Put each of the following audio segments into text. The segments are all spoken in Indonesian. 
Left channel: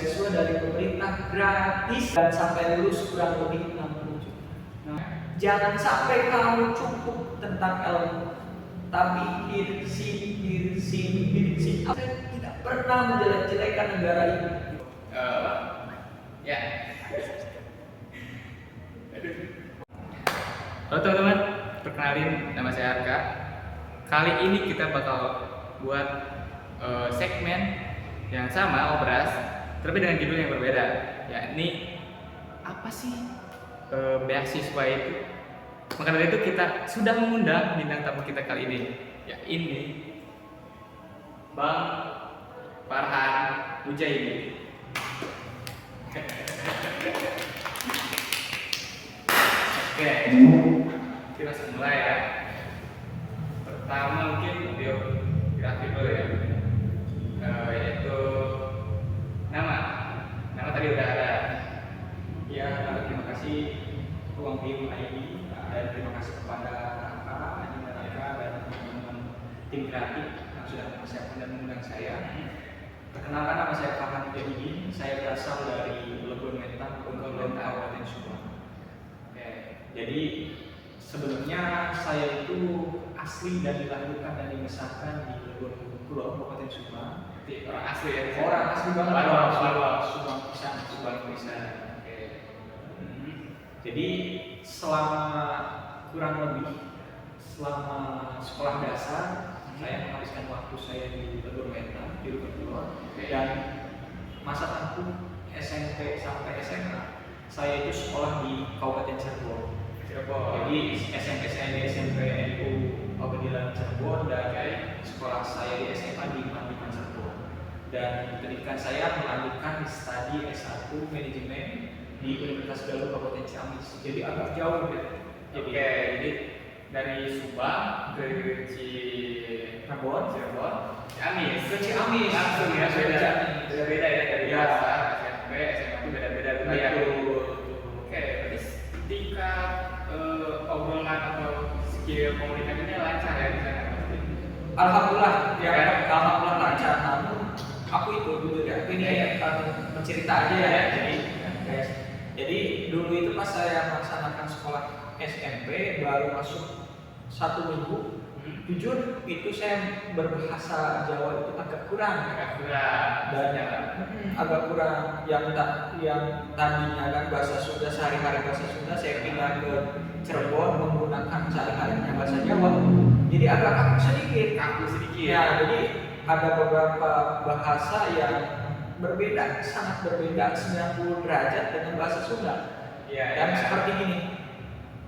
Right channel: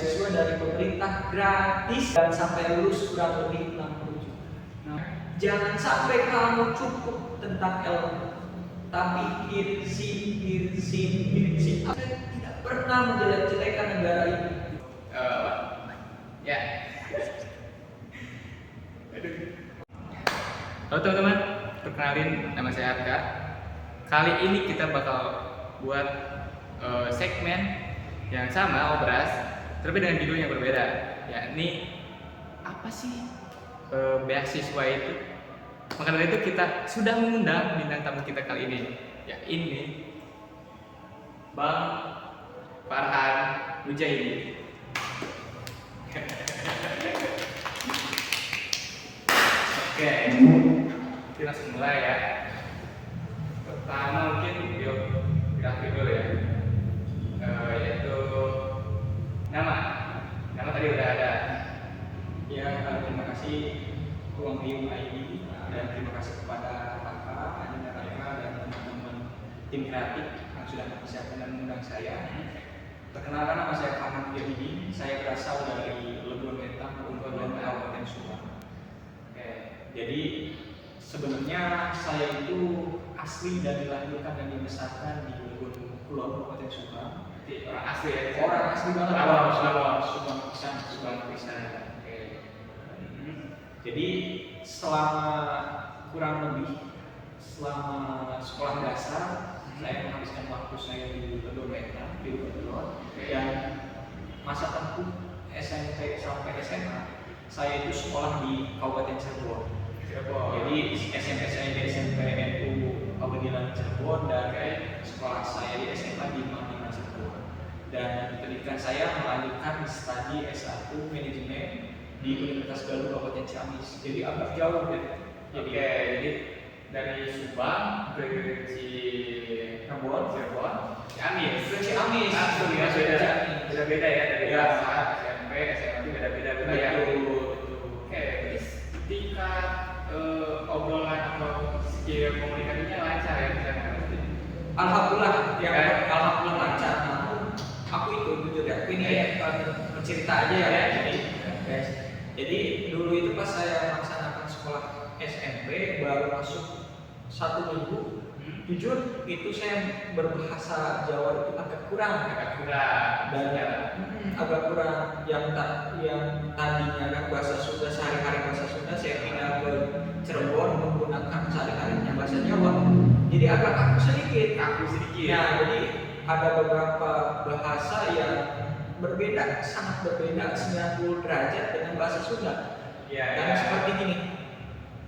Siswa dari pemerintah gratis dan sampai lulus kurang lebih 60 juta. Nah, jangan sampai kamu cukup tentang ilmu, tapi irsi. Saya tidak pernah menjelek-jelekan negara ini. Ya. Halo teman-teman, perkenalin nama saya Arka. Kali ini kita bakal buat segmen yang sama, obras, tapi dengan judul yang berbeda, yakni apa sih beasiswa itu. Maka dari itu kita sudah mengundang bintang tamu kita kali ini, ini Bang Farhan Mujahidin. Oke, kita langsung mulai ya. Pertama mungkin biografi dulu ya, yaitu nama tadi udah ada. Ya, terima kasih Ruang Bio ID dan terima kasih kepada Raka, Anina Raka dan teman-teman tim kreatif yang sudah mempersiapkan dan mengundang saya. Perkenalkan, nama saya Farhan Mujahidin. Saya berasal dari Legon Wetan, Kabupaten Subang. Jadi sebenarnya saya itu asli dan dilahirkan dan dibesarkan di Legon Kulon, Kabupaten Subang. Orang asli ya? Orang asli banget. Subang Pisan. Jadi selama kurang lebih sekolah dasar saya menghabiskan waktu saya di Legon Wetan, di Legon Kulon, dan masa tempuh SMP sampai SMA saya itu sekolah di Kabupaten Cirebon. Jadi SMP saya di SMP NU Abadilan Cirebon dan sekolah saya di SMA di Mandiman Cirebon. Dan pendidikan saya melanjutkan studi S1 manajemen di Universitas Galuh Kabupaten Ciamis. Jadi agak jauh ya. Jadi dari Subang ke Cirebon, Ciamis, ke Ciamis langsung ya, beda ya dari dasar SMP, SMA itu beda-beda juga ya. Oke, berarti tingkat obrolan atau skill komunikasinya lancar ya di sana. Alhamdulillah, alhamdulillah lancar. Namun aku itu jujur ya, ini bercerita aja ya. Jadi dulu itu pas saya melaksanakan sekolah SMP baru masuk 1 minggu, jujur itu saya berbahasa Jawa itu agak kurang dan agak kurang yang tadinya kan bahasa Sunda, sehari-hari bahasa Sunda, saya pindah ke Cirebon menggunakan sehari-harinya bahasa Jawa, jadi agak kaku sedikit ya. Jadi ada beberapa bahasa yang berbeda, sangat berbeda 90 derajat dengan bahasa Sunda. Dan seperti gini,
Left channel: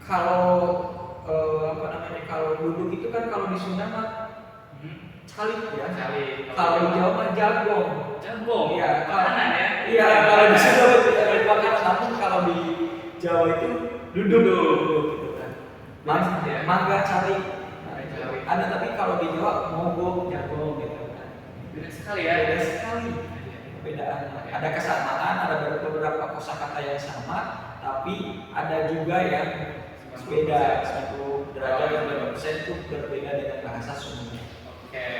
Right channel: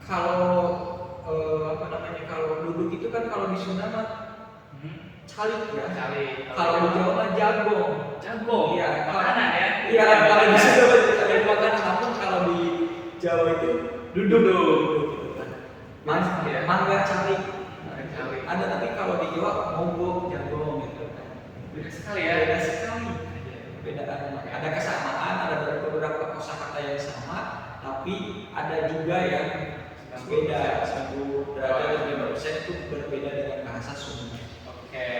kalau kalau duduk itu kan kalau di Sunda mah calik ya. Kalau di Jawa mah jagong. Iya, makanan ya. Iya, kalau di Sunda makanan, namun kalau di Jawa itu duduk gitu kan. Mangga calik. Ada, tapi kalau di Jawa mogok jagong gitu kan. Beda sekali ya. Perbedaannya. Ada kesamaan, ada beberapa kosakata yang sama, tapi ada juga yang beda. 1 derajat dan 5% itu berbeda dengan bahasa Sunda. Oke,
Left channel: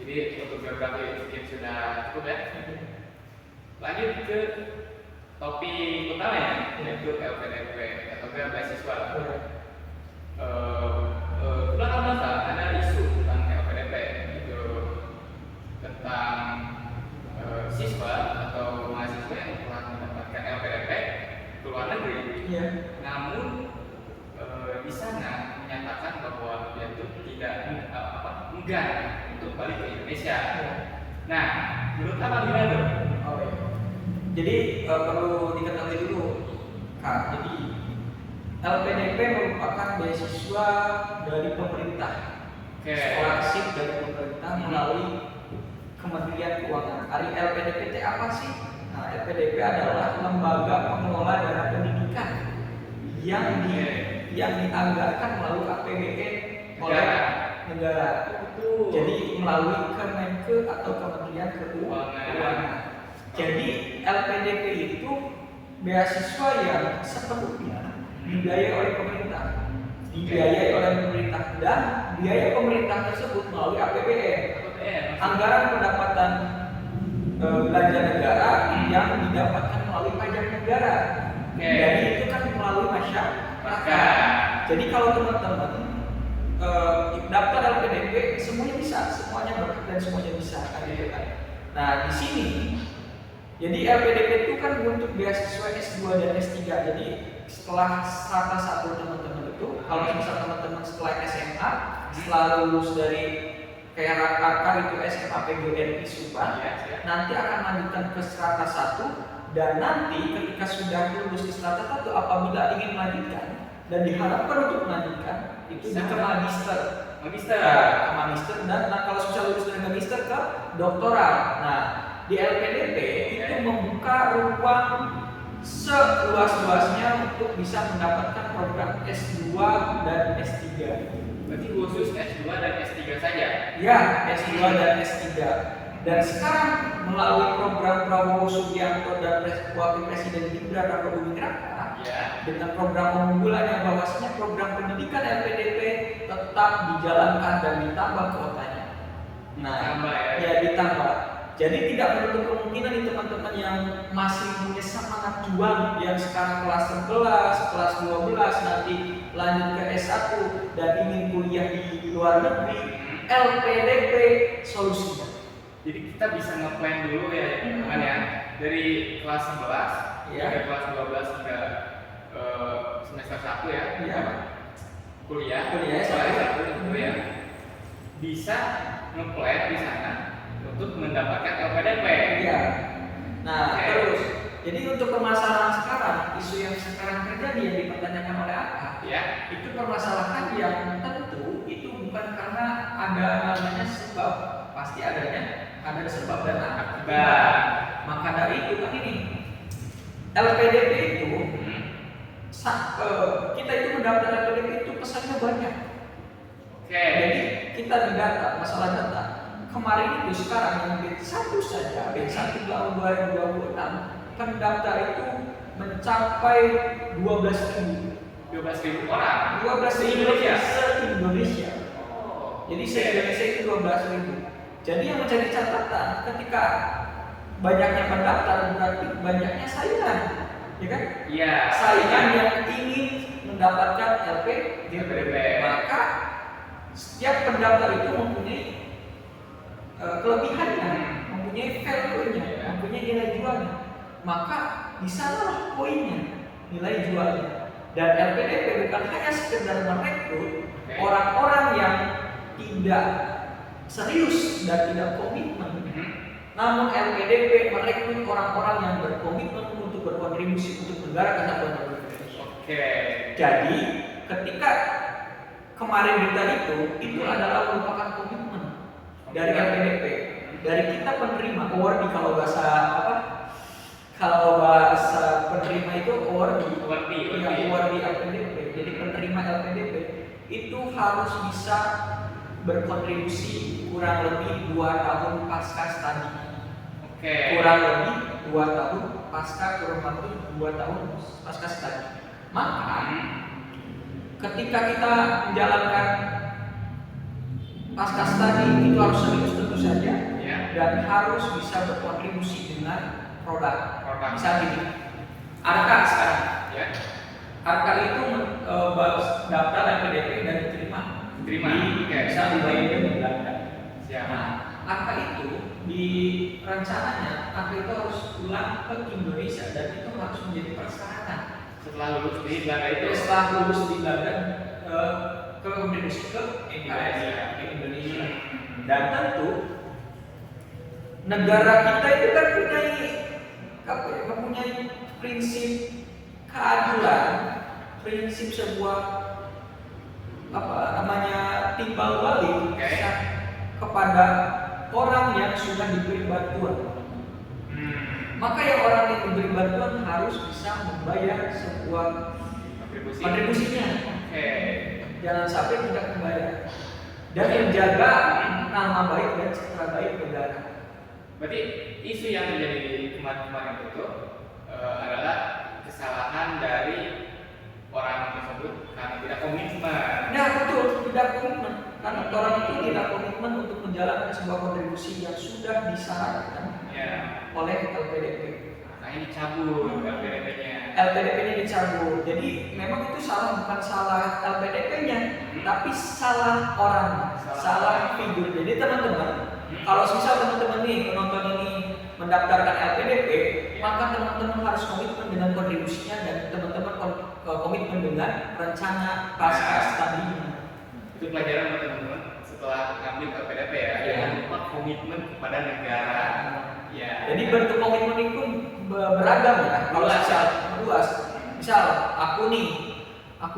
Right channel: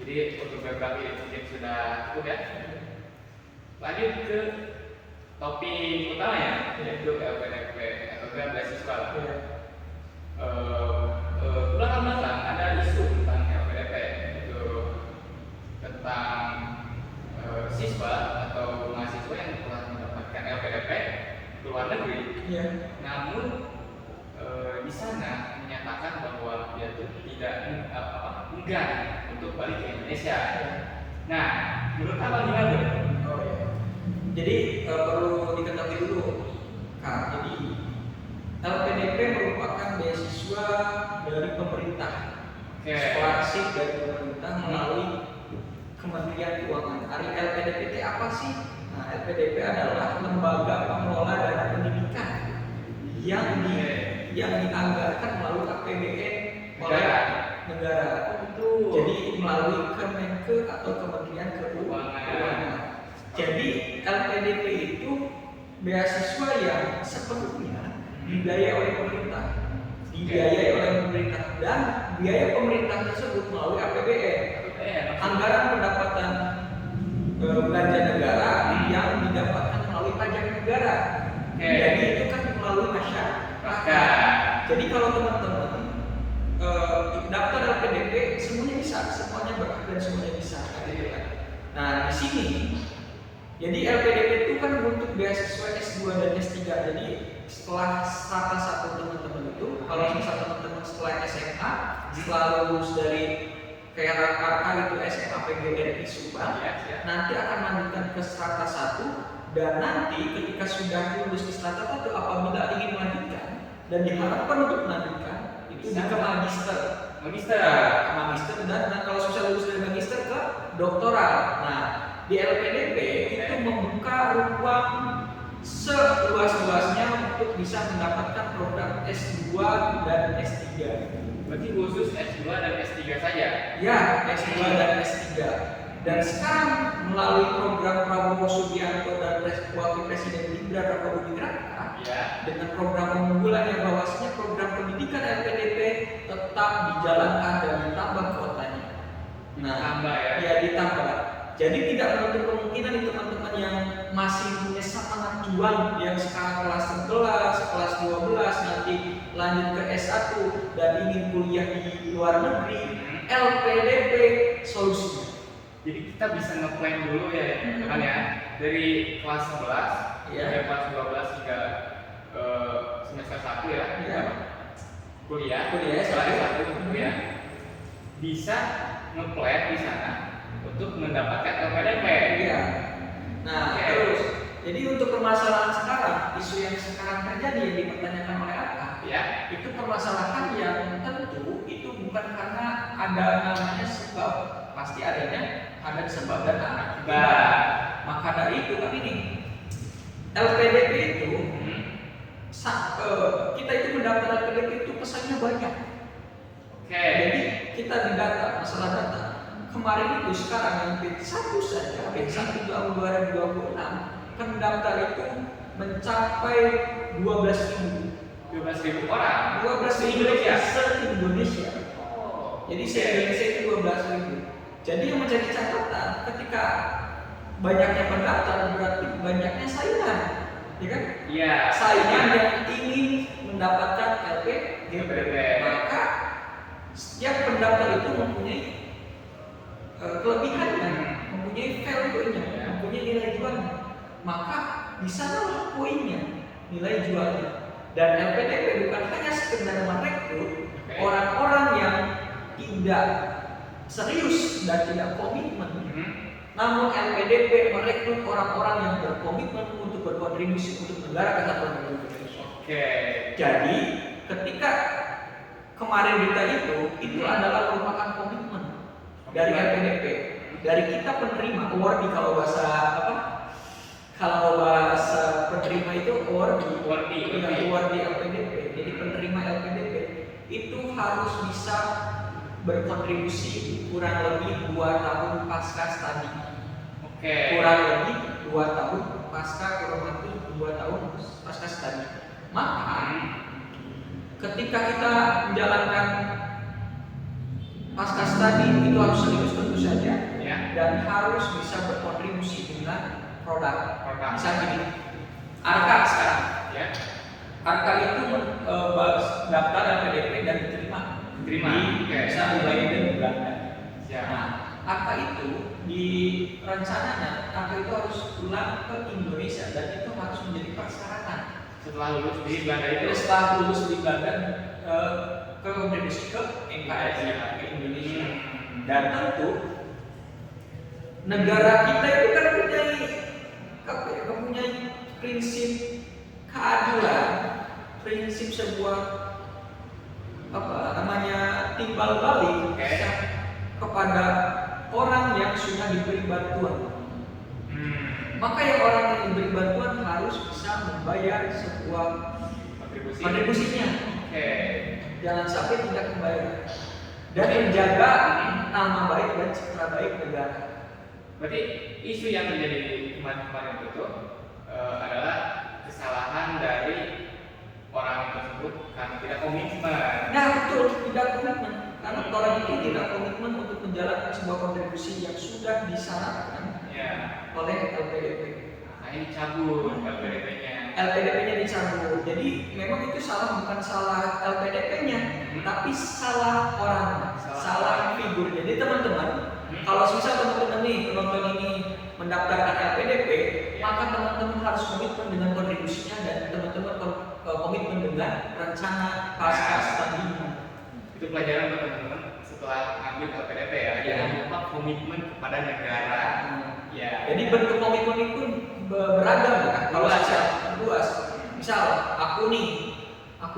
jadi untuk geografi mungkin sudah cukup ya. Lanjut ke topik utamanya, yaitu LPDP atau beasiswa. Belakang ada isu tentang LPDP, itu tentang siswa atau mahasiswa yang telah mendapatkan LPDP ke luar negeri, namun di sana menyatakan bahwa dia itu tidak enggan untuk balik ke Indonesia. Nah, menurut Abang gimana? Jadi perlu diketahui dulu, Kak. Jadi LPDP merupakan beasiswa dari pemerintah, scholarship dari pemerintah melalui Kementerian Keuangan. LPDP itu apa sih? Nah, LPDP adalah lembaga pengelola dana pendidikan yang dianggarkan melalui APBN oleh negara. Jadi melalui Kemenke atau Kementerian Keuangan. Jadi LPDP itu beasiswa yang sepenuhnya dibiayai oleh pemerintah, dan biaya pemerintah tersebut melalui APBN. Anggaran pendapatan belanja negara yang didapatkan melalui pajak negara. Jadi itu kan melalui masyarakat. Jadi kalau teman-teman daftar LPDP semuanya bisa, semuanya berhak dan semuanya bisa, gitu kan. Nah di sini, jadi LPDP itu kan untuk beasiswa S2 dan S3. Jadi setelah strata 1 teman-teman itu, kalau misal teman-teman setelah SMA, setelah lulus dari kayak RK itu SMA PGRI Subang, nanti akan lanjutkan ke strata 1, dan nanti ketika sudah lulus ke strata 1, apabila ingin melanjutkan dan diharapkan untuk melanjutkan itu ke magister. Ke magister, dan kalau sudah lulus dari magister ke doktoral. Nah di LPDP itu membuka ruang seluas-luasnya untuk bisa mendapatkan program S2 dan S3. Berarti khusus S2 dan S3 saja? Ya, S2 dan S3. Dan sekarang melalui program Prabowo Subianto dan Wakil Presiden Gibran Raka Buming Raka, dengan program unggulan yang bahwasanya program pendidikan LPDP tetap dijalankan dan ditambah kuotanya. Nah, ditambah. Jadi tidak menutup kemungkinan nih teman-teman yang masih punya semangat juang, yang sekarang kelas 11, kelas 12, nanti lanjut ke S1 dan ingin kuliah di luar negeri, LPDP solusinya. Jadi kita bisa nge-plan dulu ya teman-teman ya, dari kelas 11 hingga kelas 12 hingga semester 1 ya, kuliah S1 gitu ya, bisa nge-plan di sana untuk mendapatkan LPDP. Nah terus, jadi untuk permasalahan sekarang, isu yang sekarang terjadi yang dipertanyakan oleh Aka, itu permasalahan yang tentu itu bukan karena ada namanya sebab, pasti ada sebab dan akibat. Maka dari itu kan ini LPDP itu kita itu mendaftar LPDP itu pesannya banyak. Jadi kita didata, masalah data. Kemarin itu sekarang yang B1 saja, B1 tahun 2026, pendaftar itu mencapai 12.000 orang. 12.000 se-Indonesia. Jadi se-Indonesia itu 12.000. Jadi yang menjadi catatan ketika banyaknya pendaftar berarti banyaknya saingan, ya kan? Saingan yang ingin mendapatkan LPDP. Maka setiap pendaftar itu mempunyai kelebihannya, mempunyai value-nya, mempunyai nilai jualnya. Maka di sanalah poinnya, nilai jualnya. Dan LPDP bukan hanya sekedar merekrut orang-orang yang tidak serius dan tidak komitmen, namun LPDP merekrut orang-orang yang berkomitmen untuk berkontribusi untuk negara kesatuan Republik Indonesia. Jadi ketika kemarin kita itu adalah merupakan komitmen dari LPDP, dari kita penerima award, kalau bahasa penerima itu award LPDP. Jadi penerima LPDP itu harus bisa berkontribusi kurang lebih 2 tahun pasca studi. Kurang lebih 2 tahun kurang lebih 2 tahun pasca studi. Maka ketika kita menjalankan pasca studi itu harus serius tentu saja, dan harus bisa berkontribusi dengan produk. Misalnya gini, Arka sekarang, Arka itu daftar LPDP dan diterima bisa mulai dari Belanda. Nah, Arka itu di rencananya Arka itu harus pulang ke Indonesia, dan itu harus menjadi persyaratan setelah lulus di Belanda itu. Setelah lulus di Belanda ke kontribusi ke NKRI ke Indonesia. Dan tentu negara kita itu kan mempunyai prinsip keadilan, prinsip sebuah timbal balik kepada orang yang sudah diberi bantuan. Maka yang orang yang diberi bantuan harus bisa membayar sebuah kontribusinya. Jangan sampai tidak membayar dan menjaga nama baik dan citra baik negara. Berarti isu yang terjadi kemarin itu adalah kesalahan dari orang tersebut karena tidak komitmen. Nah betul, tidak komitmen. Karena orang itu tidak komitmen untuk menjalankan sebuah kontribusi yang sudah disyaratkan Ya. oleh LPDP. Makanya dicabut LPDP-nya. LPDP-nya dicabut. Jadi memang itu bukan salah LPDP-nya, tapi salah orang, salah figur. Jadi teman-teman, kalau misal teman-teman nih penonton ini mendaftarkan LPDP, maka teman-teman harus komitmen dengan kontribusinya dan teman-teman komitmen dengan rencana pasca studinya. Itu pelajaran buat teman-teman setelah ngambil LPDP ya. Jangan lupa komitmen kepada negara. Ya. Jadi bentuk komitmen itu beragam ya. Kalau luas. Misal aku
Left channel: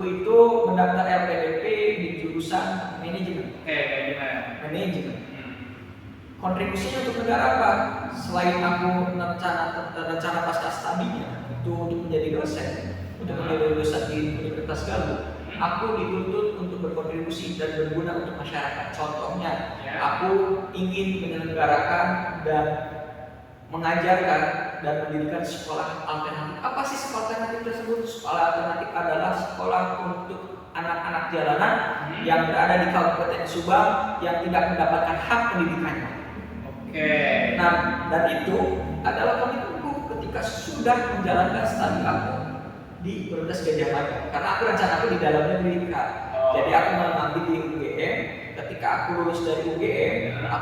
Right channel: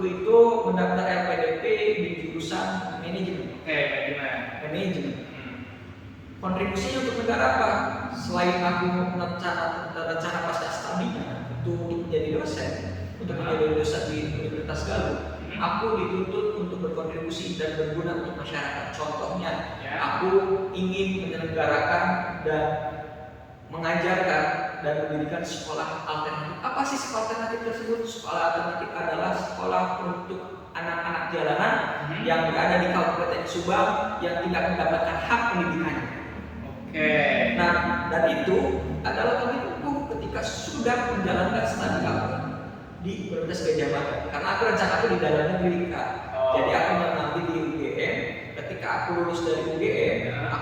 itu mendaftar LPDP di jurusan manajemen. Manajemen. Kontribusinya untuk negara apa? Selain aku rencana pasca studinya itu untuk menjadi dosen di Universitas Galuh, aku dituntut untuk berkontribusi dan berguna untuk masyarakat. Contohnya, aku ingin menyelenggarakan dan mengajarkan dan mendirikan sekolah alternatif. Apa sih sekolah alternatif tersebut? Sekolah alternatif adalah sekolah untuk anak-anak jalanan yang berada di Kabupaten Subang yang tidak mendapatkan hak pendidikannya. Nah, dan itu adalah komitmenku ketika sudah menjalankan studi aku di Universitas Gadjah Mada. Karena aku rencanaku di dalam negeri kan. Jadi aku mengambil di UGM. Ketika aku lulus dari UGM,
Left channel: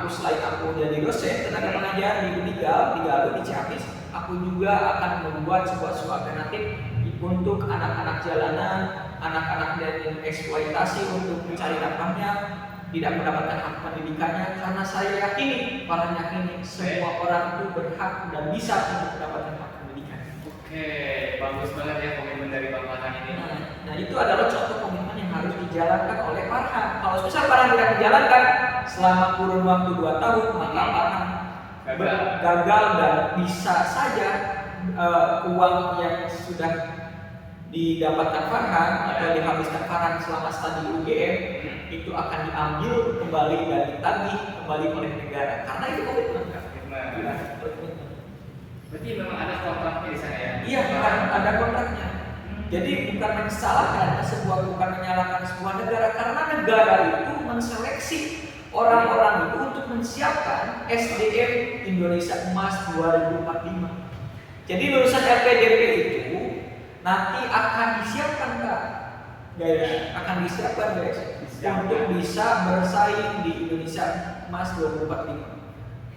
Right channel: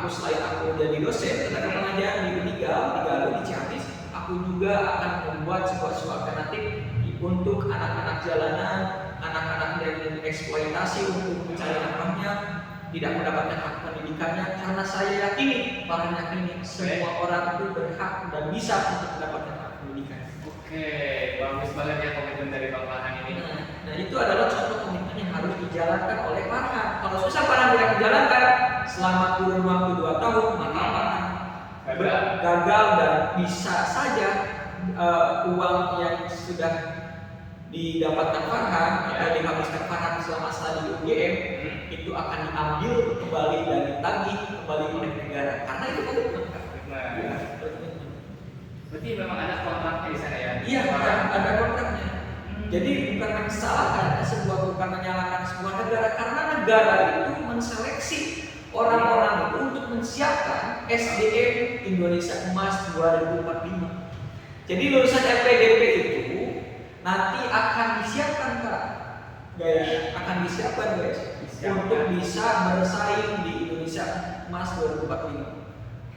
selain aku jadi dosen tenaga pengajaran di Unigal, di Galuh, di Ciamis, aku juga akan membuat sebuah alternatif untuk anak-anak jalanan, anak-anak yang eksploitasi untuk mencari nafkahnya, tidak mendapatkan hak pendidikannya, karena saya yakini, semua orang itu berhak dan bisa untuk mendapatkan hak pendidikan. Bagus banget ya komitmen dari Bang Farhan ini. Nah itu adalah contoh komitmen yang harus dijalankan oleh Farhan. Kalau susah Farhan tidak dijalankan selama kurun waktu 2 tahun, maka Farhan gagal dan bisa saja uang yang sudah didapatkan Farhan atau dihabiskan Farhan selama studi UGM itu akan diambil kembali dan ditagih kembali oleh negara, karena itu komitmen. Berarti memang ada kontraknya di sana ya? Iya, ada kontraknya. Jadi bukan menyalahkan sebuah negara, karena negara itu menseleksi orang-orang itu untuk menyiapkan SDM Indonesia Emas 2045. Jadi lulusan LPDP itu nanti akan disiapkan guys, untuk bisa bersaing di Indonesia Emas 2045.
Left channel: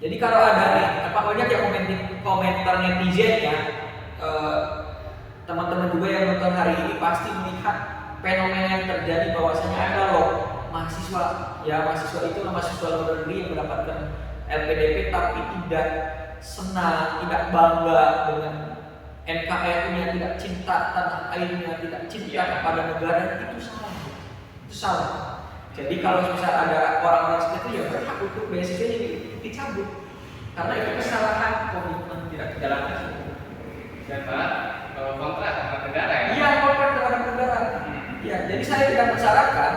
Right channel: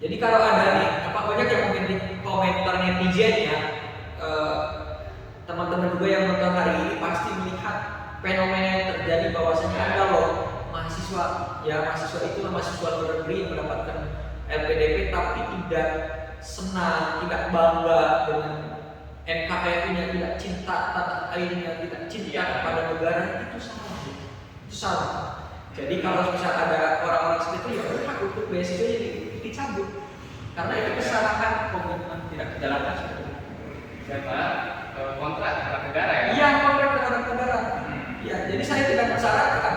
Jadi kalau ada nih, banyak yang komentar netizennya, teman-teman juga yang nonton hari ini pasti melihat fenomena yang terjadi bahwasanya ada loh mahasiswa itu mahasiswa luar negeri yang mendapatkan LPDP tapi tidak senang, tidak bangga dengan NKRI-nya, tidak cinta tanah airnya, tidak cinta kepada negara. Itu salah. Jadi kalau misal ada orang-orang seperti itu, ya berhak untuk beasiswanya dicabut, karena itu kesalahan komitmen tidak dijalankan. Dan malah kontrak terhadap negara ya? Iya, kontrak terhadap negara. Ya, jadi saya tidak mensyaratkan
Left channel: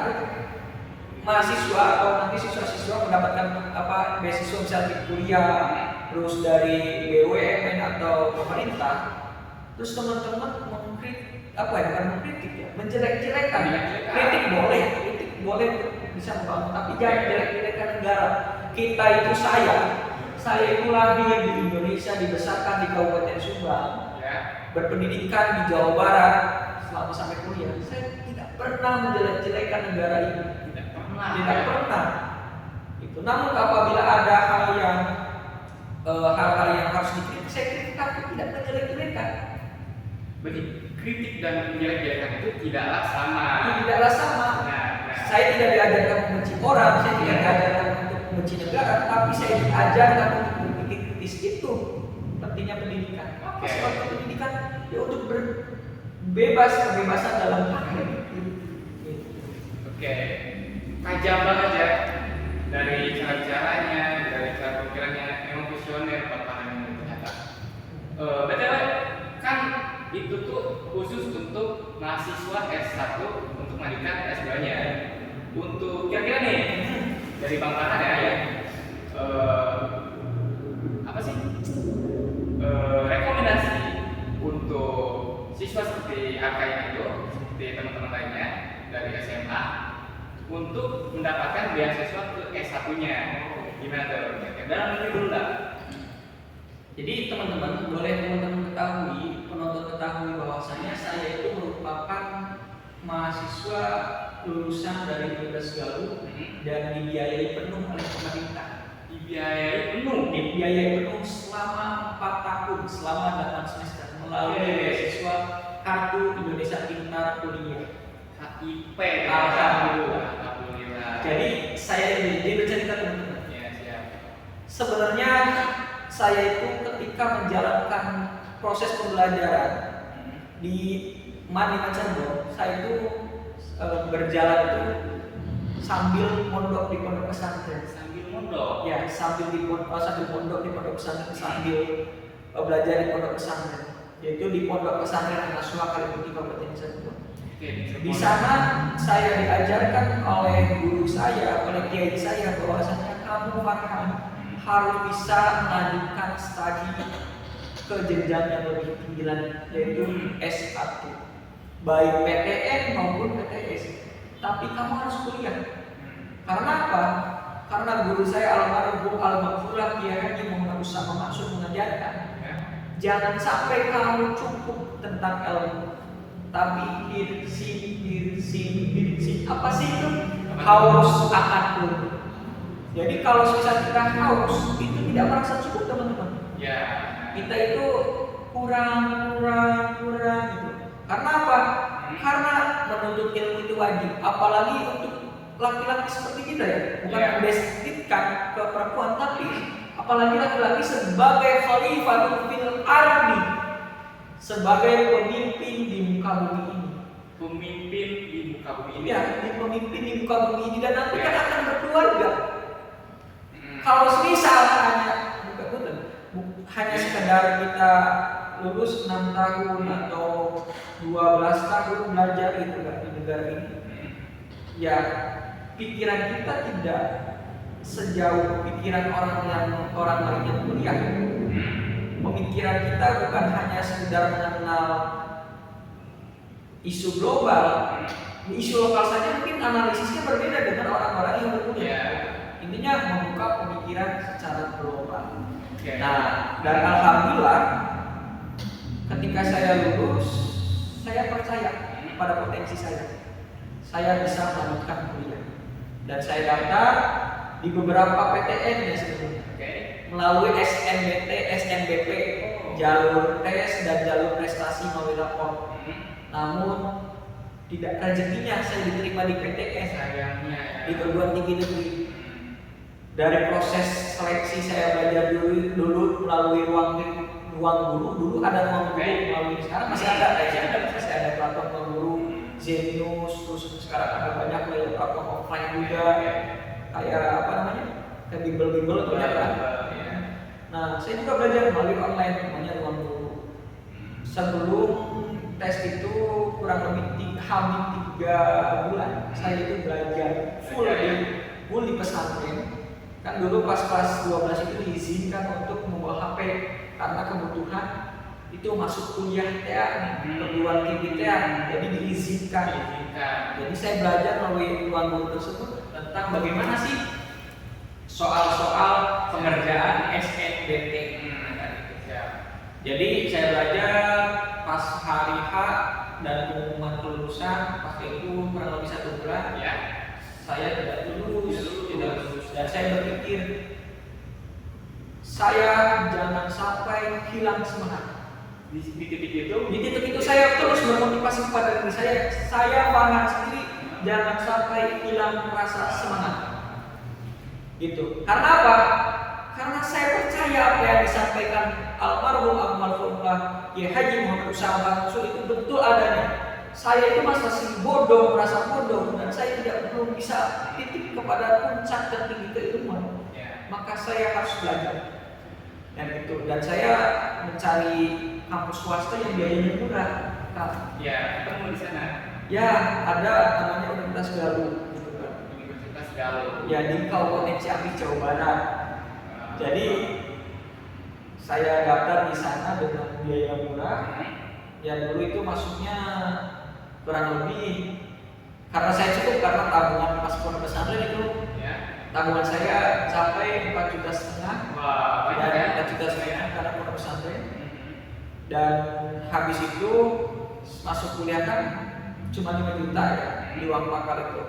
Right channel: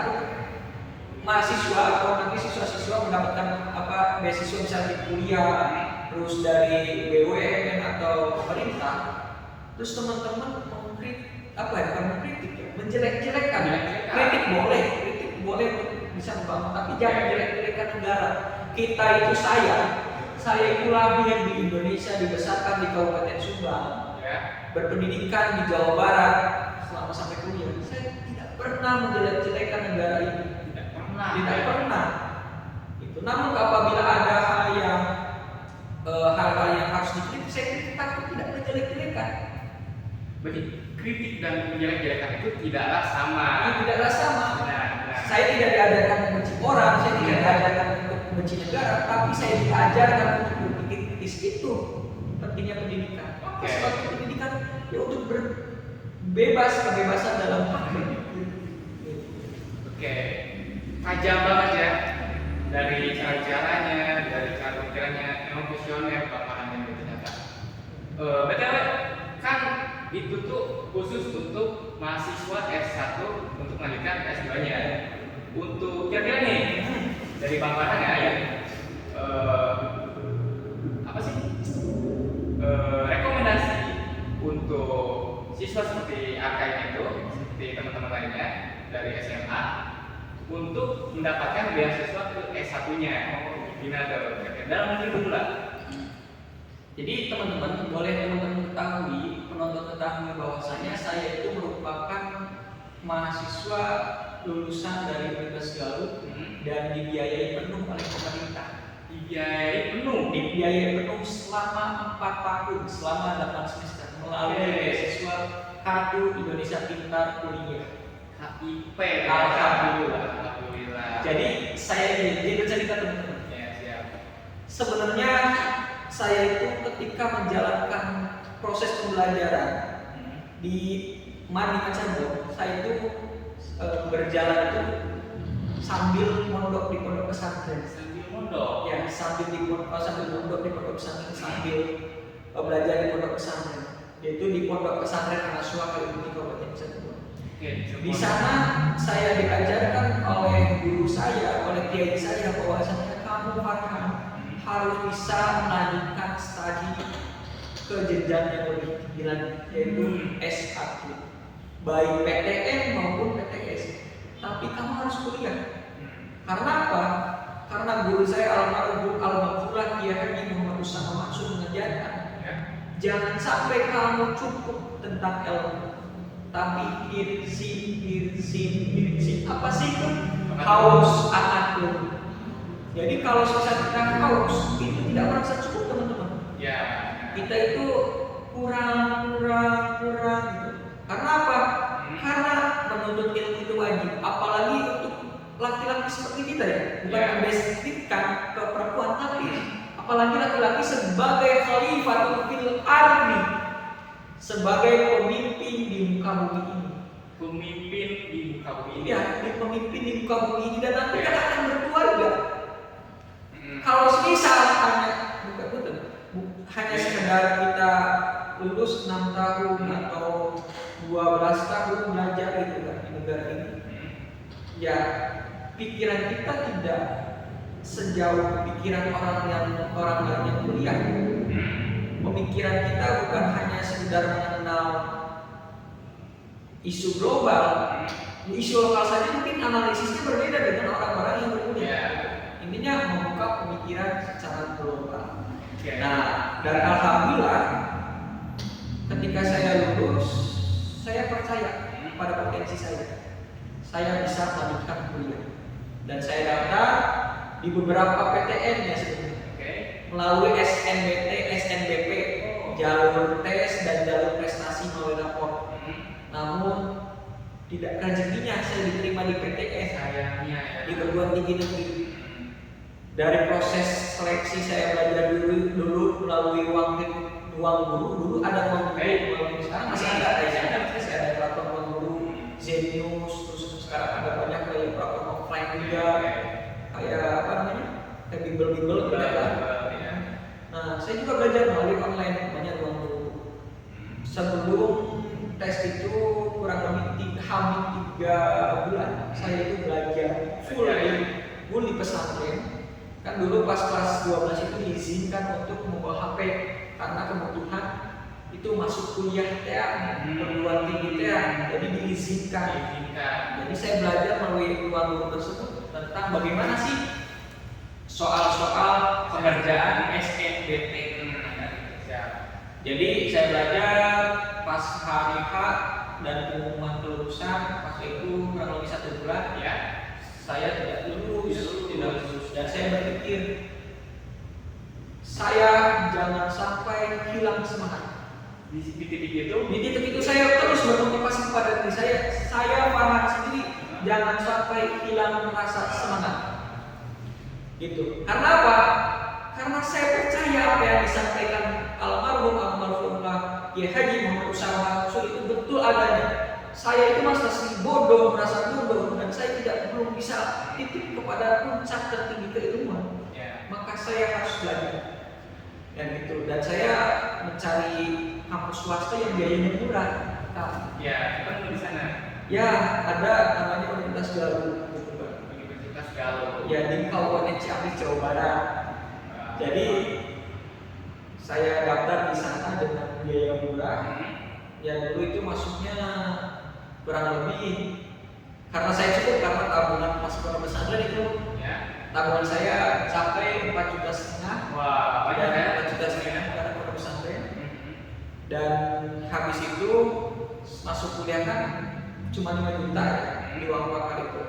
mahasiswa atau nanti siswa-siswa mendapatkan beasiswa misalnya kuliah, terus dari BUMN atau pemerintah, terus teman-teman menjelek-jelekan. Kritik boleh bisa membangun, tapi jangan menjelek-jelekan negara. Kita itu saya itu lahir di Indonesia, dibesarkan di Kabupaten Subang, berpendidikan di Jawa Barat selama sampai kuliah. Saya tidak pernah menjelek-jelekan negara ini. Tidak pernah. Namun apabila ada hal-hal yang harus dikritik, saya kritik, tapi tidak menjelek-jelekan. Berarti kritik dan menjelek-jelekan itu tidaklah sama. Saya tidak diajarkan membenci orang, saya tidak diajarkan untuk membenci negara, tapi saya diajarkan untuk berpikir kritis. Itu pentingnya pendidikan. Sebab pendidikan ya untuk kebebasan dalam hak. Tajam banget ya, dari cara-caranya, dari cara pikirannya, emang visioner Pak Farhan ini ternyata. BTW kan itu tuh khusus untuk mahasiswa S1 untuk melanjutkan S2-nya. Untuk kira-kira nih dari Bang Farhan ya, rekomendasi untuk siswa seperti Akaya itu, seperti teman-teman lainnya dari SMA untuk mendapatkan beasiswa ke S1-nya. Gimana tuh? Dalam negeri dulu lah. Jadi teman-teman boleh teman-teman ketahui, penonton ketahui bahwasanya saya itu merupakan mahasiswa lulusan dari Universitas Galuh dan dibiayai penuh oleh pemerintah. Dibiayai penuh selama 4 tahun, selama 8 semester melalui beasiswa Kartu Indonesia Pintar Kuliah KIP. Alhamdulillah. Alhamdulillah. Jadi saya ini bercerita teman-teman. Ya, siap. Sebenarnya saya itu ketika menjalankan proses pembelajaran di Madinah Cirebon, saya itu berjalan itu sambil mondok di pondok pesantren. Sambil mondok. Ya, sambil mondok di pondok pesantren, sambil belajar di pondok pesantren. Yaitu di pondok pesantren An-Nasuha Kalibuti Kabupaten Cirebon. Di sana saya diajarkan oleh guru saya, oleh kiai saya bahwasanya kamu Farhan harus bisa melanjutkan studi ke jenjang yang lebih tinggi lagi, yaitu S1, baik PTN maupun PTS. Tapi kamu harus kuliah. Karena apa? Karena guru saya almarhum Al-Maghfurlah Kiai Haji Muhammad Usama Mansur mengajarkan, jangan sampai kamu cukup tentang ilmu, tapi irsi apa sih itu? Haus akan ilmu. Jadi kalau misalnya kita haus, itu tidak merasa cukup teman-teman. Ya. Kita itu kurang gitu. Karena apa? Karena menuntut ilmu itu wajib, apalagi untuk laki-laki seperti kita ya. Bukan mendeskripsikan ke perempuan, tapi apalagi laki-laki sebagai khalifatul fil ardi, sebagai pemimpin di muka bumi ini. Pemimpin di muka bumi ini. Ya, pemimpin di muka bumi ini, dan nanti kan akan berkeluarga. Kalau semisal hanya sekedar kita lulus 6 tahun atau 12 tahun belajar gitu kan di negara ini, ya pikiran kita tidak sejauh pikiran orang lain yang kuliah. Pemikiran kita bukan hanya sekedar mengenal isu global. Isu lokal saja mungkin analisisnya berbeda dengan orang-orang yang berkuliah. Intinya membuka pemikiran secara global. Nah, dan alhamdulillah ketika saya lulus, saya percaya pada potensi saya. Saya bisa melanjutkan kuliah. Dan saya daftar di beberapa PTN ya sebelumnya. Melalui SNBT, SNBP, jalur tes dan jalur prestasi melalui rapor. Namun tidak rezekinya saya diterima di PTN, di perguruan tinggi negeri. Dari proses seleksi saya belajar dulu melalui ruang guru. Dulu ada ruang guru, melalui sekarang masih ada saya ada platform ruang guru, Zenius, terus sekarang ada banyak lagi platform offline juga, kayak apa namanya, kayak bimbel gitu kan. Nah, saya juga belajar melalui online, namanya ruang guru. Sebelum tes itu kurang lebih hampir 3 bulan saya itu belajar full di pesantren. Kan dulu pas kelas 12 itu diizinkan untuk membawa HP karena kebutuhan itu masuk kuliah perguruan tinggi jadi diizinkan. Jadi saya belajar melalui ruang guru tersebut tentang bagaimana sih soal-soal pengerjaan SNBT. Jadi saya belajar pas hari H dan pengumuman kelulusan, pas itu kurang lebih 1 bulan ya, saya tidak lulus. Dan saya berpikir, saya jangan sampai hilang semangat. Di titik itu saya terus bermotivasi pada diri saya Farhan sendiri, jangan sampai hilang rasa semangat. Gitu. Karena apa? Karena saya percaya apa yang disampaikan almarhum Kiai Haji Muhammad Usama Mansur itu betul adanya. Saya itu masih merasa bodoh, dan saya belum bisa titik kepada puncak tertinggi keilmuan. Maka saya harus belajar. Dan saya mencari kampus swasta yang biayanya murah. Ketemu di sana. Ya, ada namanya Universitas Galuh. Universitas Galuh. Ya, di Kabupaten Ciamis, Jawa Barat. Jadi saya daftar di sana dengan biaya murah. Ya dulu itu masuknya kurang lebih, karena saya cukup karena tabungan pas pondok pesantren itu tabungan saya sampai 4,5 juta. Wah, banyak Dan ya. 4,5 juta karena pondok pesantren. Mhm. Dan habis itu masuk kuliah kan cuma 5 juta ya di uang pakar itu.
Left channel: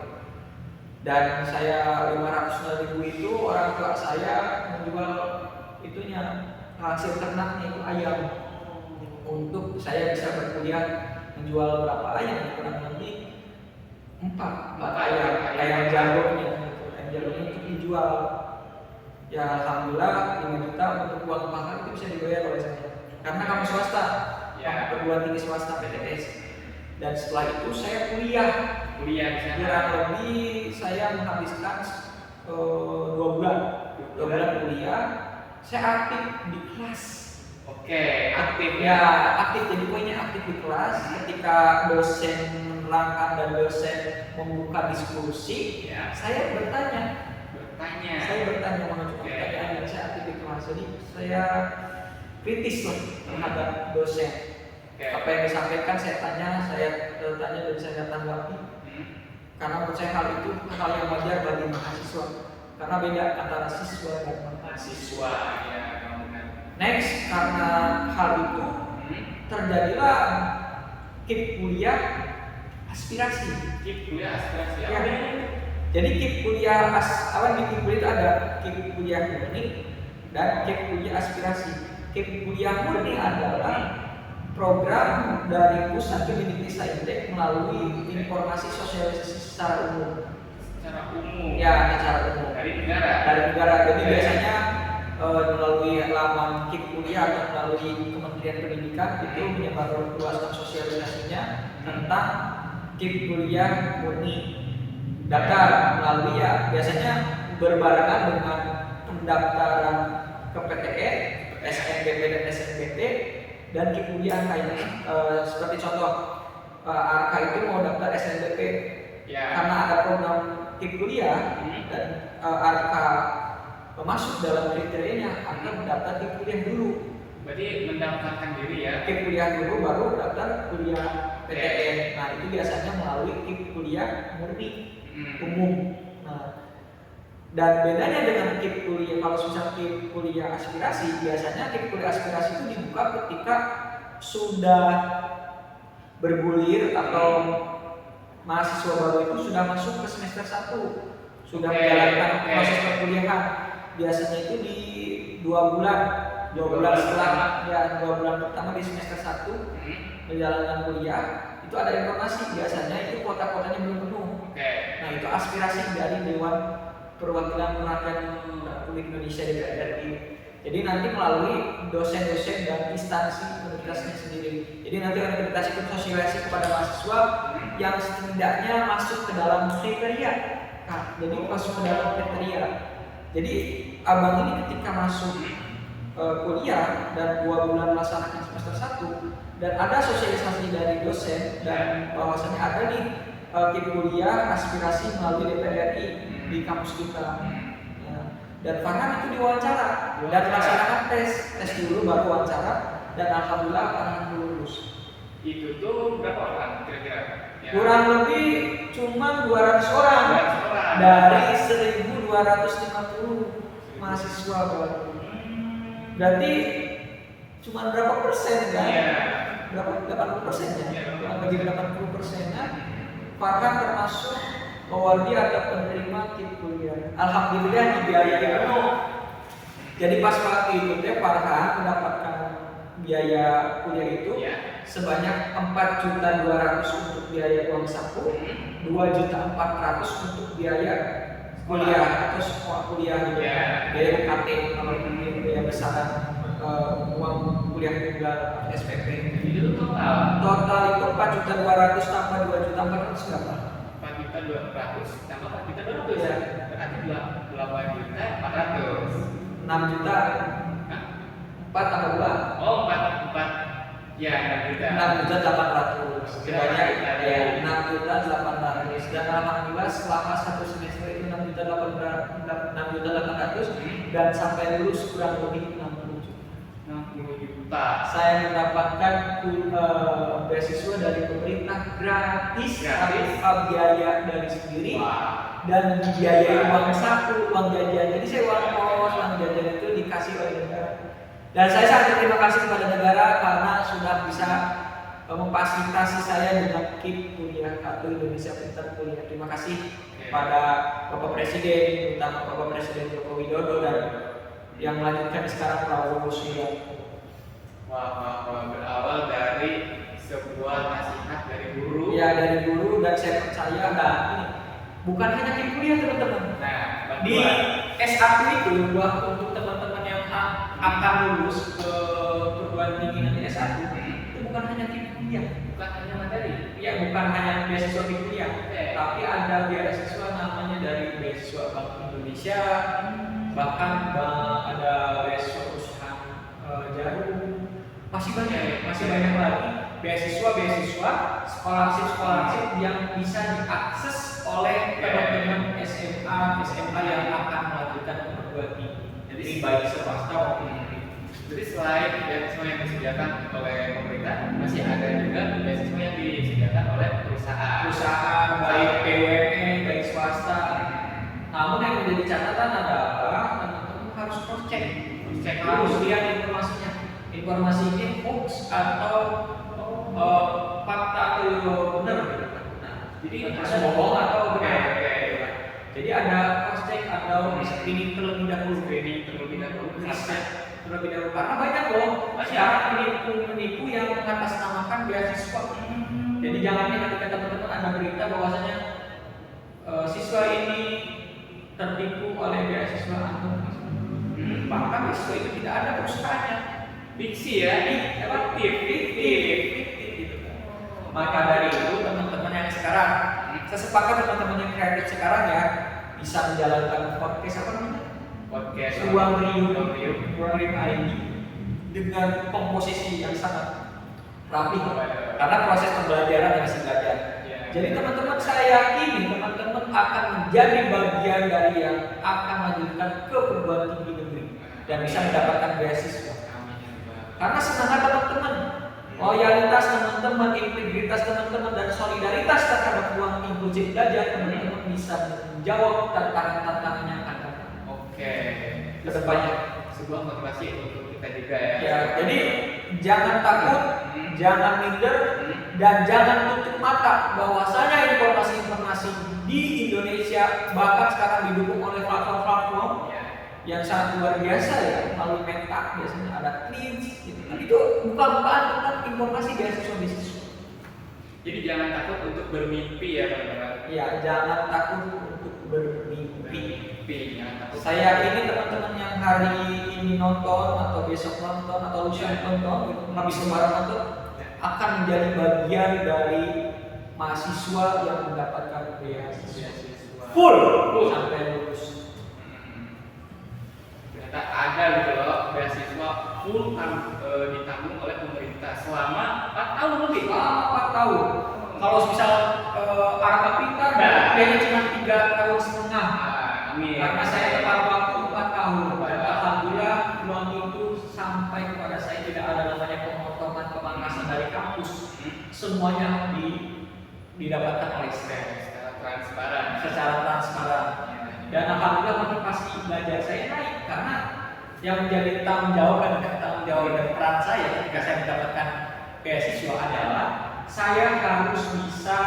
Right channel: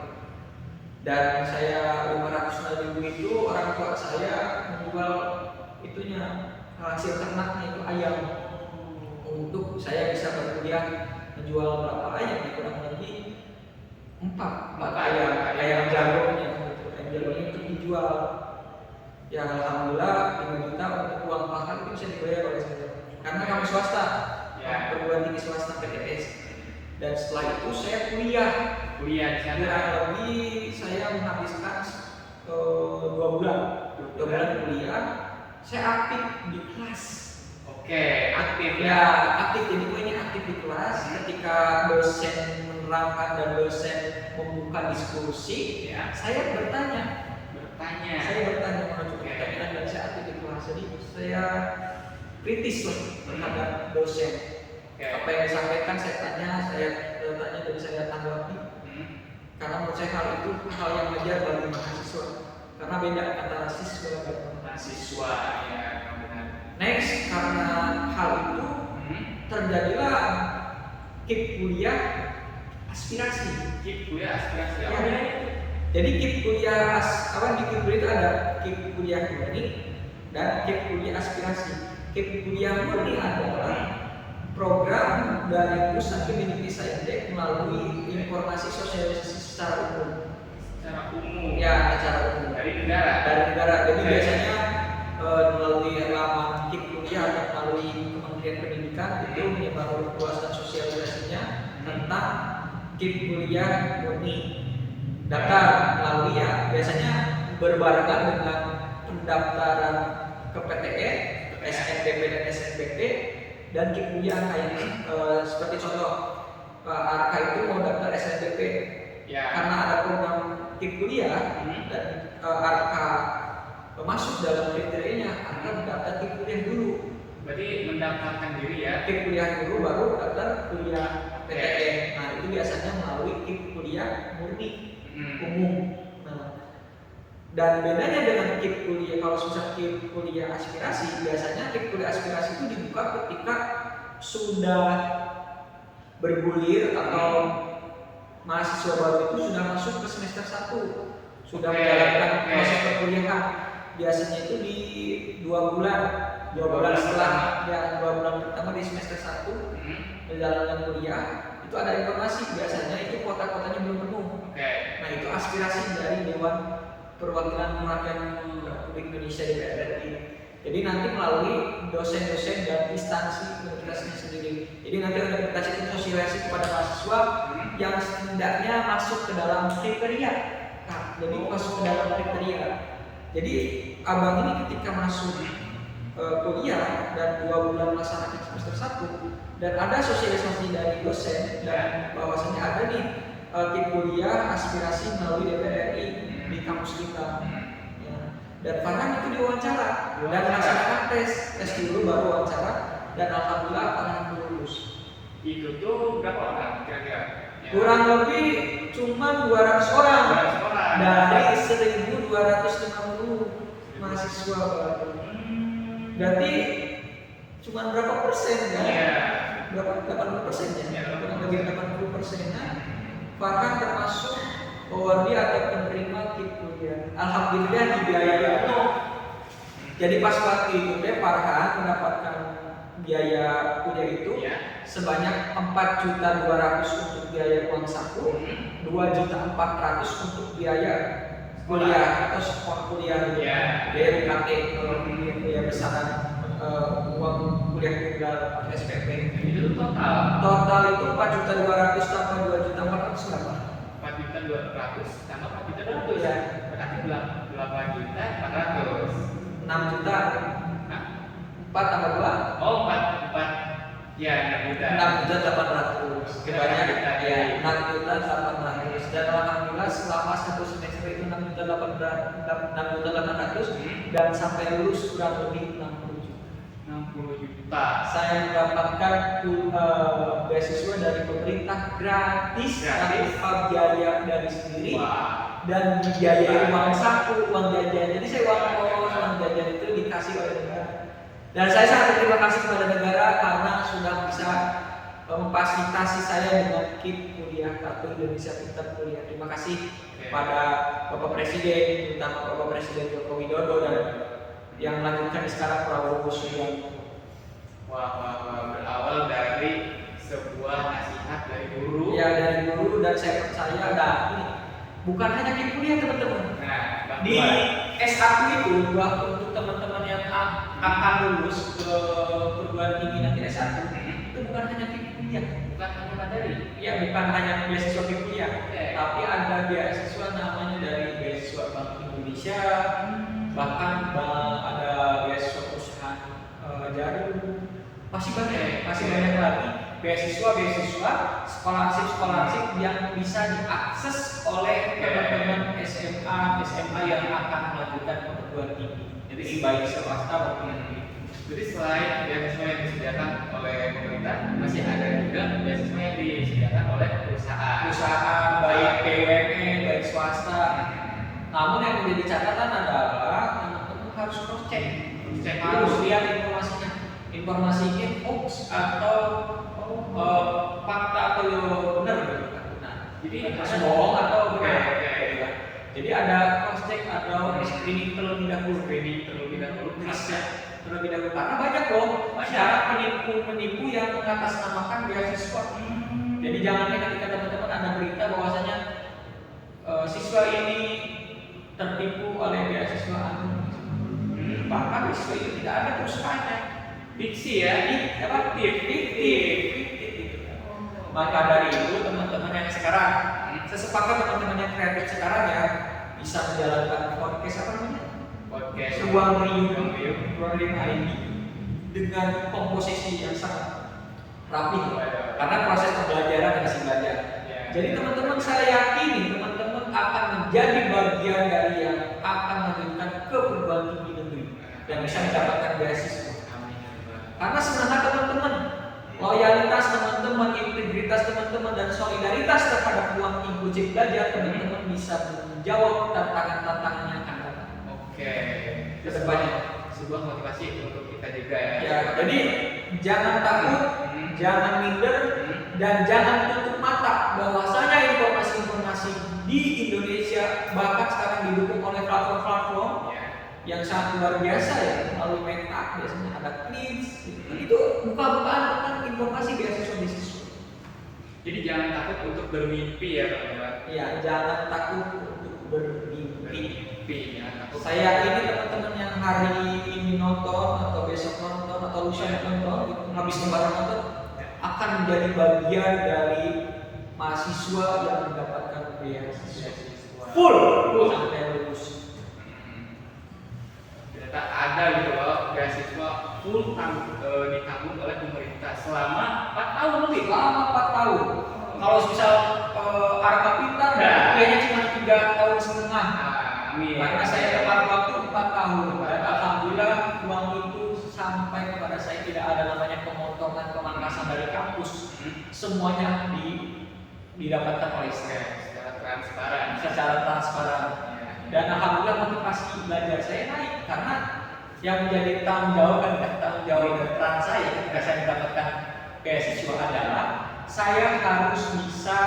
Dan saya 500.000 itu orang tua saya menjual itunya hasil ternaknya itu ayam untuk saya bisa berkuliah, menjual berapa ayam kurang lebih 4 ayam jagonya gitu. Ayam jagonya untuk dijual. Ya alhamdulillah 5 juta untuk uang makan itu bisa dibayar oleh saya karena kamu swasta, Ya. perguruan tinggi swasta PTS. Dan setelah itu saya kuliah Kuliah di sana. kurang lebih saya menghabiskan 2 bulan kuliah. Saya aktif di kelas. Oke, aktif Ya ya. aktif, jadi poinnya aktif di kelas. Ketika dosen menerangkan dan dosen membuka diskusi, Ya. saya bertanya. Bertanya. Saya bertanya mengajukan Oke. pertanyaan dan saya aktif di kelas. Jadi saya kritis lah terhadap dosen. Oke. Apa yang disampaikan saya tanya dan saya tanggapi. Hmm. Karena menurut saya hal itu hal yang wajar bagi mahasiswa. Karena beda antara siswa dan Mahasiswa ya, memang benar. Next, karena hal itu terjadilah KIP kuliah aspirasi. KIP kuliah aspirasi Ya. apa? Jadi KIP kuliah di KIP kuliah itu ada KIP kuliah murni dan KIP kuliah aspirasi. KIP kuliah murni adalah program dari Pusat Kemendikbud Saintek melalui informasi sosialisasi secara umum. Secara umum. Ya, secara umum. Dari negara. Dari negara. Jadi Oke. biasanya melalui laman KIP kuliah atau melalui Kementerian Pendidikan itu menyebarluaskan sosialisasinya tentang KIP kuliah murni. Daftar melalui ya biasanya berbarengan dengan pendaftaran ke PTN, SNBP dan SNBT dan KIP kuliah kayak seperti contoh Arka itu mau daftar SNBP Ya. karena ada program KIP kuliah dan Arka masuk dalam kriterianya Arka mendaftar KIP kuliah dulu. Berarti mendaftarkan diri ya. KIP kuliah dulu baru daftar kuliah PTN. Nah itu biasanya melalui KIP kuliah murni umum. Nah, dan bedanya dengan KIP kuliah, kalau misalnya KIP kuliah aspirasi, biasanya KIP kuliah aspirasi itu dibuka ketika sudah bergulir atau mahasiswa baru itu sudah masuk ke semester 1, sudah menjalankan proses perkuliahan. Biasanya itu di 2 bulan, 2 bulan setelah ya 2 bulan pertama di semester 1 menjalankan kuliah itu ada informasi, biasanya itu kota-kotanya belum penuh. Nah itu aspirasi dari Dewan Perwakilan Rakyat Republik Indonesia DPR RI. Jadi nanti melalui dosen-dosen dan instansi universitasnya sendiri. Jadi nanti universitas itu sosialisasi kepada mahasiswa yang setidaknya masuk ke dalam kriteria. Nah, jadi masuk ke dalam kriteria. Jadi abang ini ketika masuk kuliah dan 2 bulan melaksanakan semester 1 dan ada sosialisasi dari dosen dan bahwasannya ada nih KIP kuliah aspirasi melalui DPR RI di kampus kita. Ya. Dan Farhan itu diwawancara dan melaksanakan tes dulu baru wawancara dan alhamdulillah Farhan lulus. Itu tuh berapa orang kira-kira? Ya. Kurang lebih cuma 200 orang 200 orang dari 1.250 mahasiswa baru. Berarti cuma berapa persen kan? Iya. Berapa 80% ya? Iya. Kurang lebih 80%-nya Farhan termasuk pewaris atau penerima KIP kuliah. Alhamdulillah dibiayai penuh. Jadi pas waktu itu Farhan mendapatkan biaya kuliah itu sebanyak 4.200.000 untuk biaya uang saku, 2.400.000 untuk biaya kuliah atau sekolah kuliah gitu. Biaya UKT kalau biaya besaran uang kuliah tunggal SPP. Itu total Total itu 4.200.000 tambah 2.400.000 berapa? 4.200.000 tambah 4.200.000 Ya. berarti 8.400.000. 6 juta. Hah? 4 tambah 2. Oh, 4 ya 6 juta. 6.800.000. Sebanyak Ya 6.800.000. Dan alhamdulillah selama 1 semester itu 6.800.000 dan sampai lulus kurang lebih 60 juta. 60 juta. Saya mendapatkan beasiswa dari pemerintah gratis tanpa biaya dari sendiri. Wah. dan dibiayai uang saku, uang jajan. Jadi saya uang kos, uang jajan itu dikasih oleh negara. Dan saya sangat berterima kasih kepada negara karena sudah bisa memfasilitasi saya dengan KIP kuliah Kartu Indonesia Pintar Kuliah. Terima kasih kepada Bapak Presiden, terutama Bapak Presiden Joko Widodo dan yang melanjutkan sekarang Prabowo Subianto. Wah, berawal dari sebuah nasihat dari guru. Ya, dari guru, dan saya percaya ini bukan hanya KIP kuliah teman-teman. Nah, Di S1 itu buat untuk teman-teman yang akan lulus ke perguruan tinggi nanti S1 itu bukan hanya KIP kuliah, bukan hanya materi. ya bukan hanya beasiswa KIP kuliah, tapi ada beasiswa namanya dari beasiswa Bank Indonesia, bahkan ada beasiswa perusahaan jarum, masih banyak lagi beasiswa scholarship yang bisa diakses oleh teman-teman SMA yang akan melanjutkan ke perguruan tinggi. Jadi baik swasta maupun negeri. Jadi selain beasiswa yang disediakan oleh pemerintah, masih ada juga beasiswa yang disediakan oleh perusahaan Baik BUMN, baik swasta. Namun yang menjadi catatan adalah teman-teman harus cross check, harus lihat informasinya. Informasi ini hoax atau fakta atau benar. Nah, jadi harus bohong atau benar. Jadi ada cross check atau screening terlebih dahulu. Karena banyak loh masyarakat penipu yang mengatasnamakan beasiswa. Jadi jangan ketika teman-teman ada berita bahwasanya siswa ini tertipu oleh beasiswa bahkan beasiswa itu tidak ada perusahaannya. Fiksi ya, fiktif. Maka dari itu teman-teman yang sekarang, saya sepakat teman-teman yang kreatif sekarang ya bisa menjalankan podcast apa namanya? Podcast Ruang Riuh ID dengan komposisi yang sangat rapi, karena proses pembelajaran yang masih belajar. Jadi teman-teman, saya yakini teman-teman akan menjadi bagian dari yang akan melanjutkan ke perguruan tinggi negeri dan bisa mendapatkan beasiswa. Karena semangat teman-teman, loyalitas teman-teman, integritas teman-teman, dan solidaritas terhadap ruang inklusif belajar teman-teman bisa menjawab tantangan-tantangan yang akan datang. Oke, Kedepannya sebuah motivasi untuk kita juga ya. Ya, jadi jangan takut, jangan minder, dan jangan tutup mata bahwasanya informasi-informasi di Indonesia bahkan sekarang didukung oleh platform-platform yang sangat luar biasa ya, melalui Meta biasanya ada Cleans gitu. Itu buka-bukaan tentang informasi beasiswa. Jadi jangan takut untuk bermimpi ya teman-teman. Ya, jangan takut untuk bermimpi. Jangan takut. Saya yakini teman-teman yang hari ini nonton atau besok nonton atau lusa nonton, itu habis lebaran nonton, akan menjadi bagian dari mahasiswa yang mendapatkan beasiswa full sampai lulus. Ternyata ada gitu loh beasiswa full ditanggung oleh pemerintah selama 4 tahun lebih. Selama 4 tahun. Kalau misal Arka Pintar kayaknya cuma 3 tahun setengah. Amin. Karena saya tepat waktu 4 tahun. Dan alhamdulillah uang itu sampai kepada saya, tidak ada namanya pemotongan pemangkasan dari kampus. Semuanya didapatkan oleh saya secara transparan. Dan alhamdulillah motivasi belajar saya naik karena yang menjadi tanggung jawab dan peran saya ketika saya mendapatkan beasiswa adalah saya harus bisa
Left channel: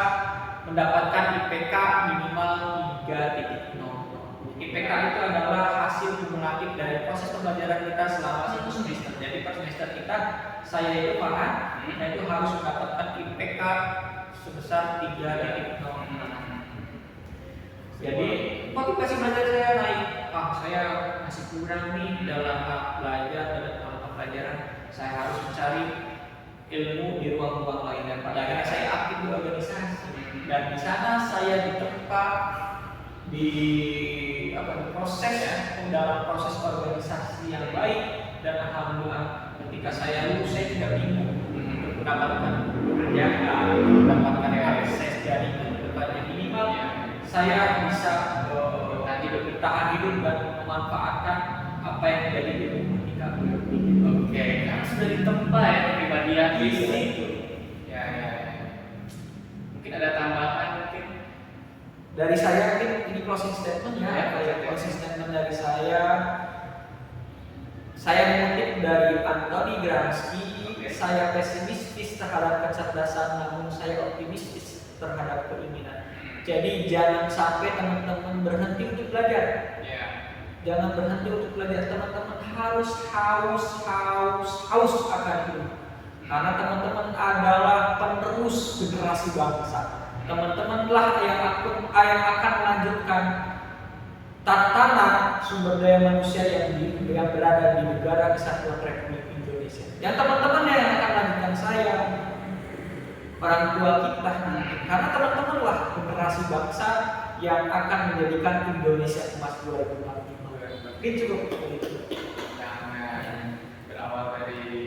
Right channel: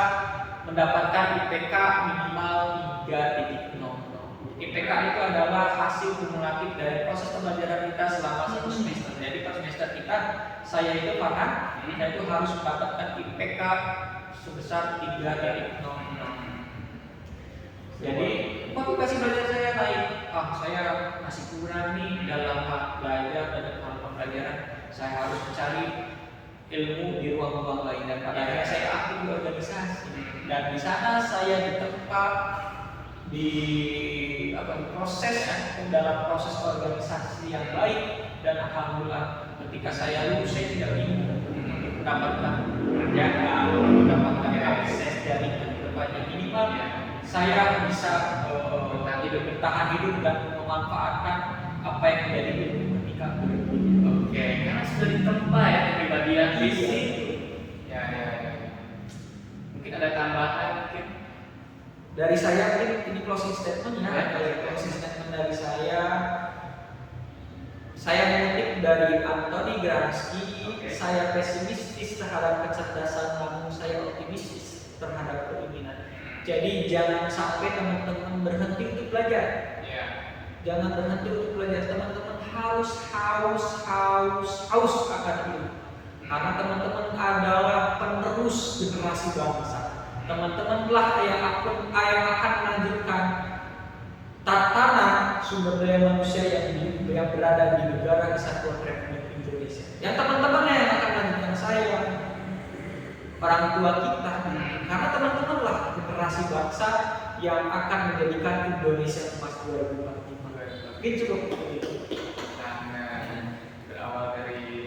mendapatkan IPK minimal 3.0. IPK itu adalah hasil kumulatif dari proses pembelajaran kita selama 1 semester. Jadi per semester kita, saya itu saya itu harus mendapatkan IPK sebesar 3.0. Jadi motivasi belajar saya naik. Saya masih kurang nih dalam hal belajar, dalam hal pelajaran. Saya harus mencari ilmu di ruang-ruang lain, dan pada akhirnya saya aktif di organisasi. Dan di sana saya ditempa di dalam proses organisasi yang baik, dan alhamdulillah ketika saya lulus saya tidak bingung untuk mendapatkan kerjaan, mendapatkan akses jaringan kedepannya. Minimal saya bisa bertahan hidup dan memanfaatkan apa yang menjadi ilmu ketika Oke, karena sudah ditempa ya kepribadian di itu. situ. Ya. Mungkin ada tambahan mungkin dari saya mungkin ini closing statement ya, Ya, closing statement dari saya mengutip dari Anthony Gramsci. Saya pesimistis terhadap kecerdasan, namun saya optimistis terhadap keinginan. Jadi jangan sampai teman-teman berhenti untuk belajar. Jangan berhenti untuk belajar. Teman-teman harus haus akan hidup. Karena teman-teman adalah penerus generasi bangsa. Teman-temanlah yang akan melanjutkan tatanan sumber daya manusia yang berada di negara Kesatuan Republik Indonesia. Yang teman-temannya yang akan melanjutkan saya, orang tua kita. Karena teman-temanlah generasi bangsa yang akan menjadikan Indonesia emas 2045. Mungkin cukup. Nah, berawal dari di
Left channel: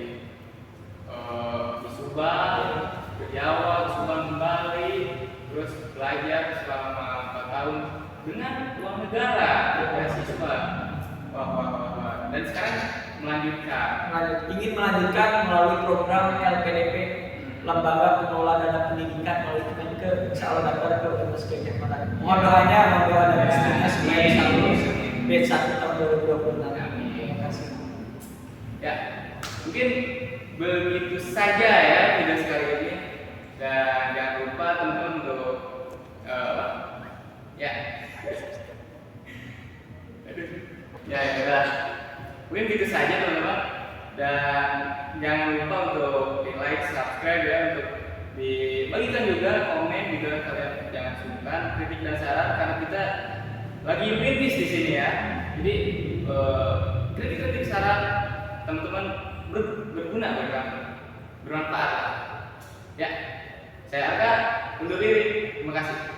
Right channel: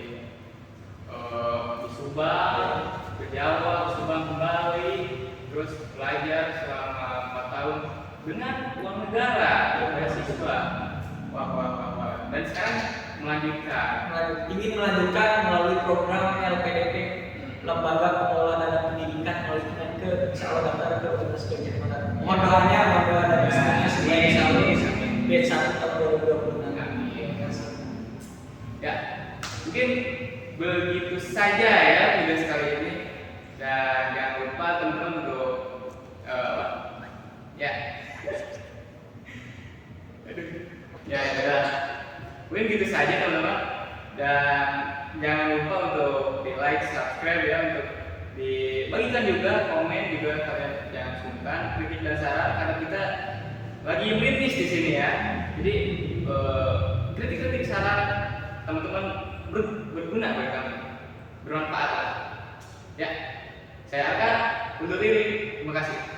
Subang, ke Jawa, ke Subang kembali, terus belajar selama 4 tahun dengan uang negara, beasiswa. Wah. Dan sekarang ingin melanjutkan melalui program LPDP, Lembaga Pengelola Dana Pendidikan melalui Kemenke. Insya Allah daftar ke Universitas Gajah Mada. Mohon doanya, mohon doa dan restunya supaya insya Allah B1 tahun 2026. Terima kasih. Ya, mungkin begitu saja ya video sekali ini, dan jangan lupa teman-teman untuk udah. Mungkin gitu saja teman-teman, dan jangan lupa untuk di like, subscribe ya, untuk dibagikan juga, komen juga, kalian jangan sungkan kritik dan saran karena kita lagi merintis di sini ya. Jadi kritik-kritik saran teman-teman berguna bagi kami, bermanfaat lah. Ya, saya Arka undur diri. Terima kasih.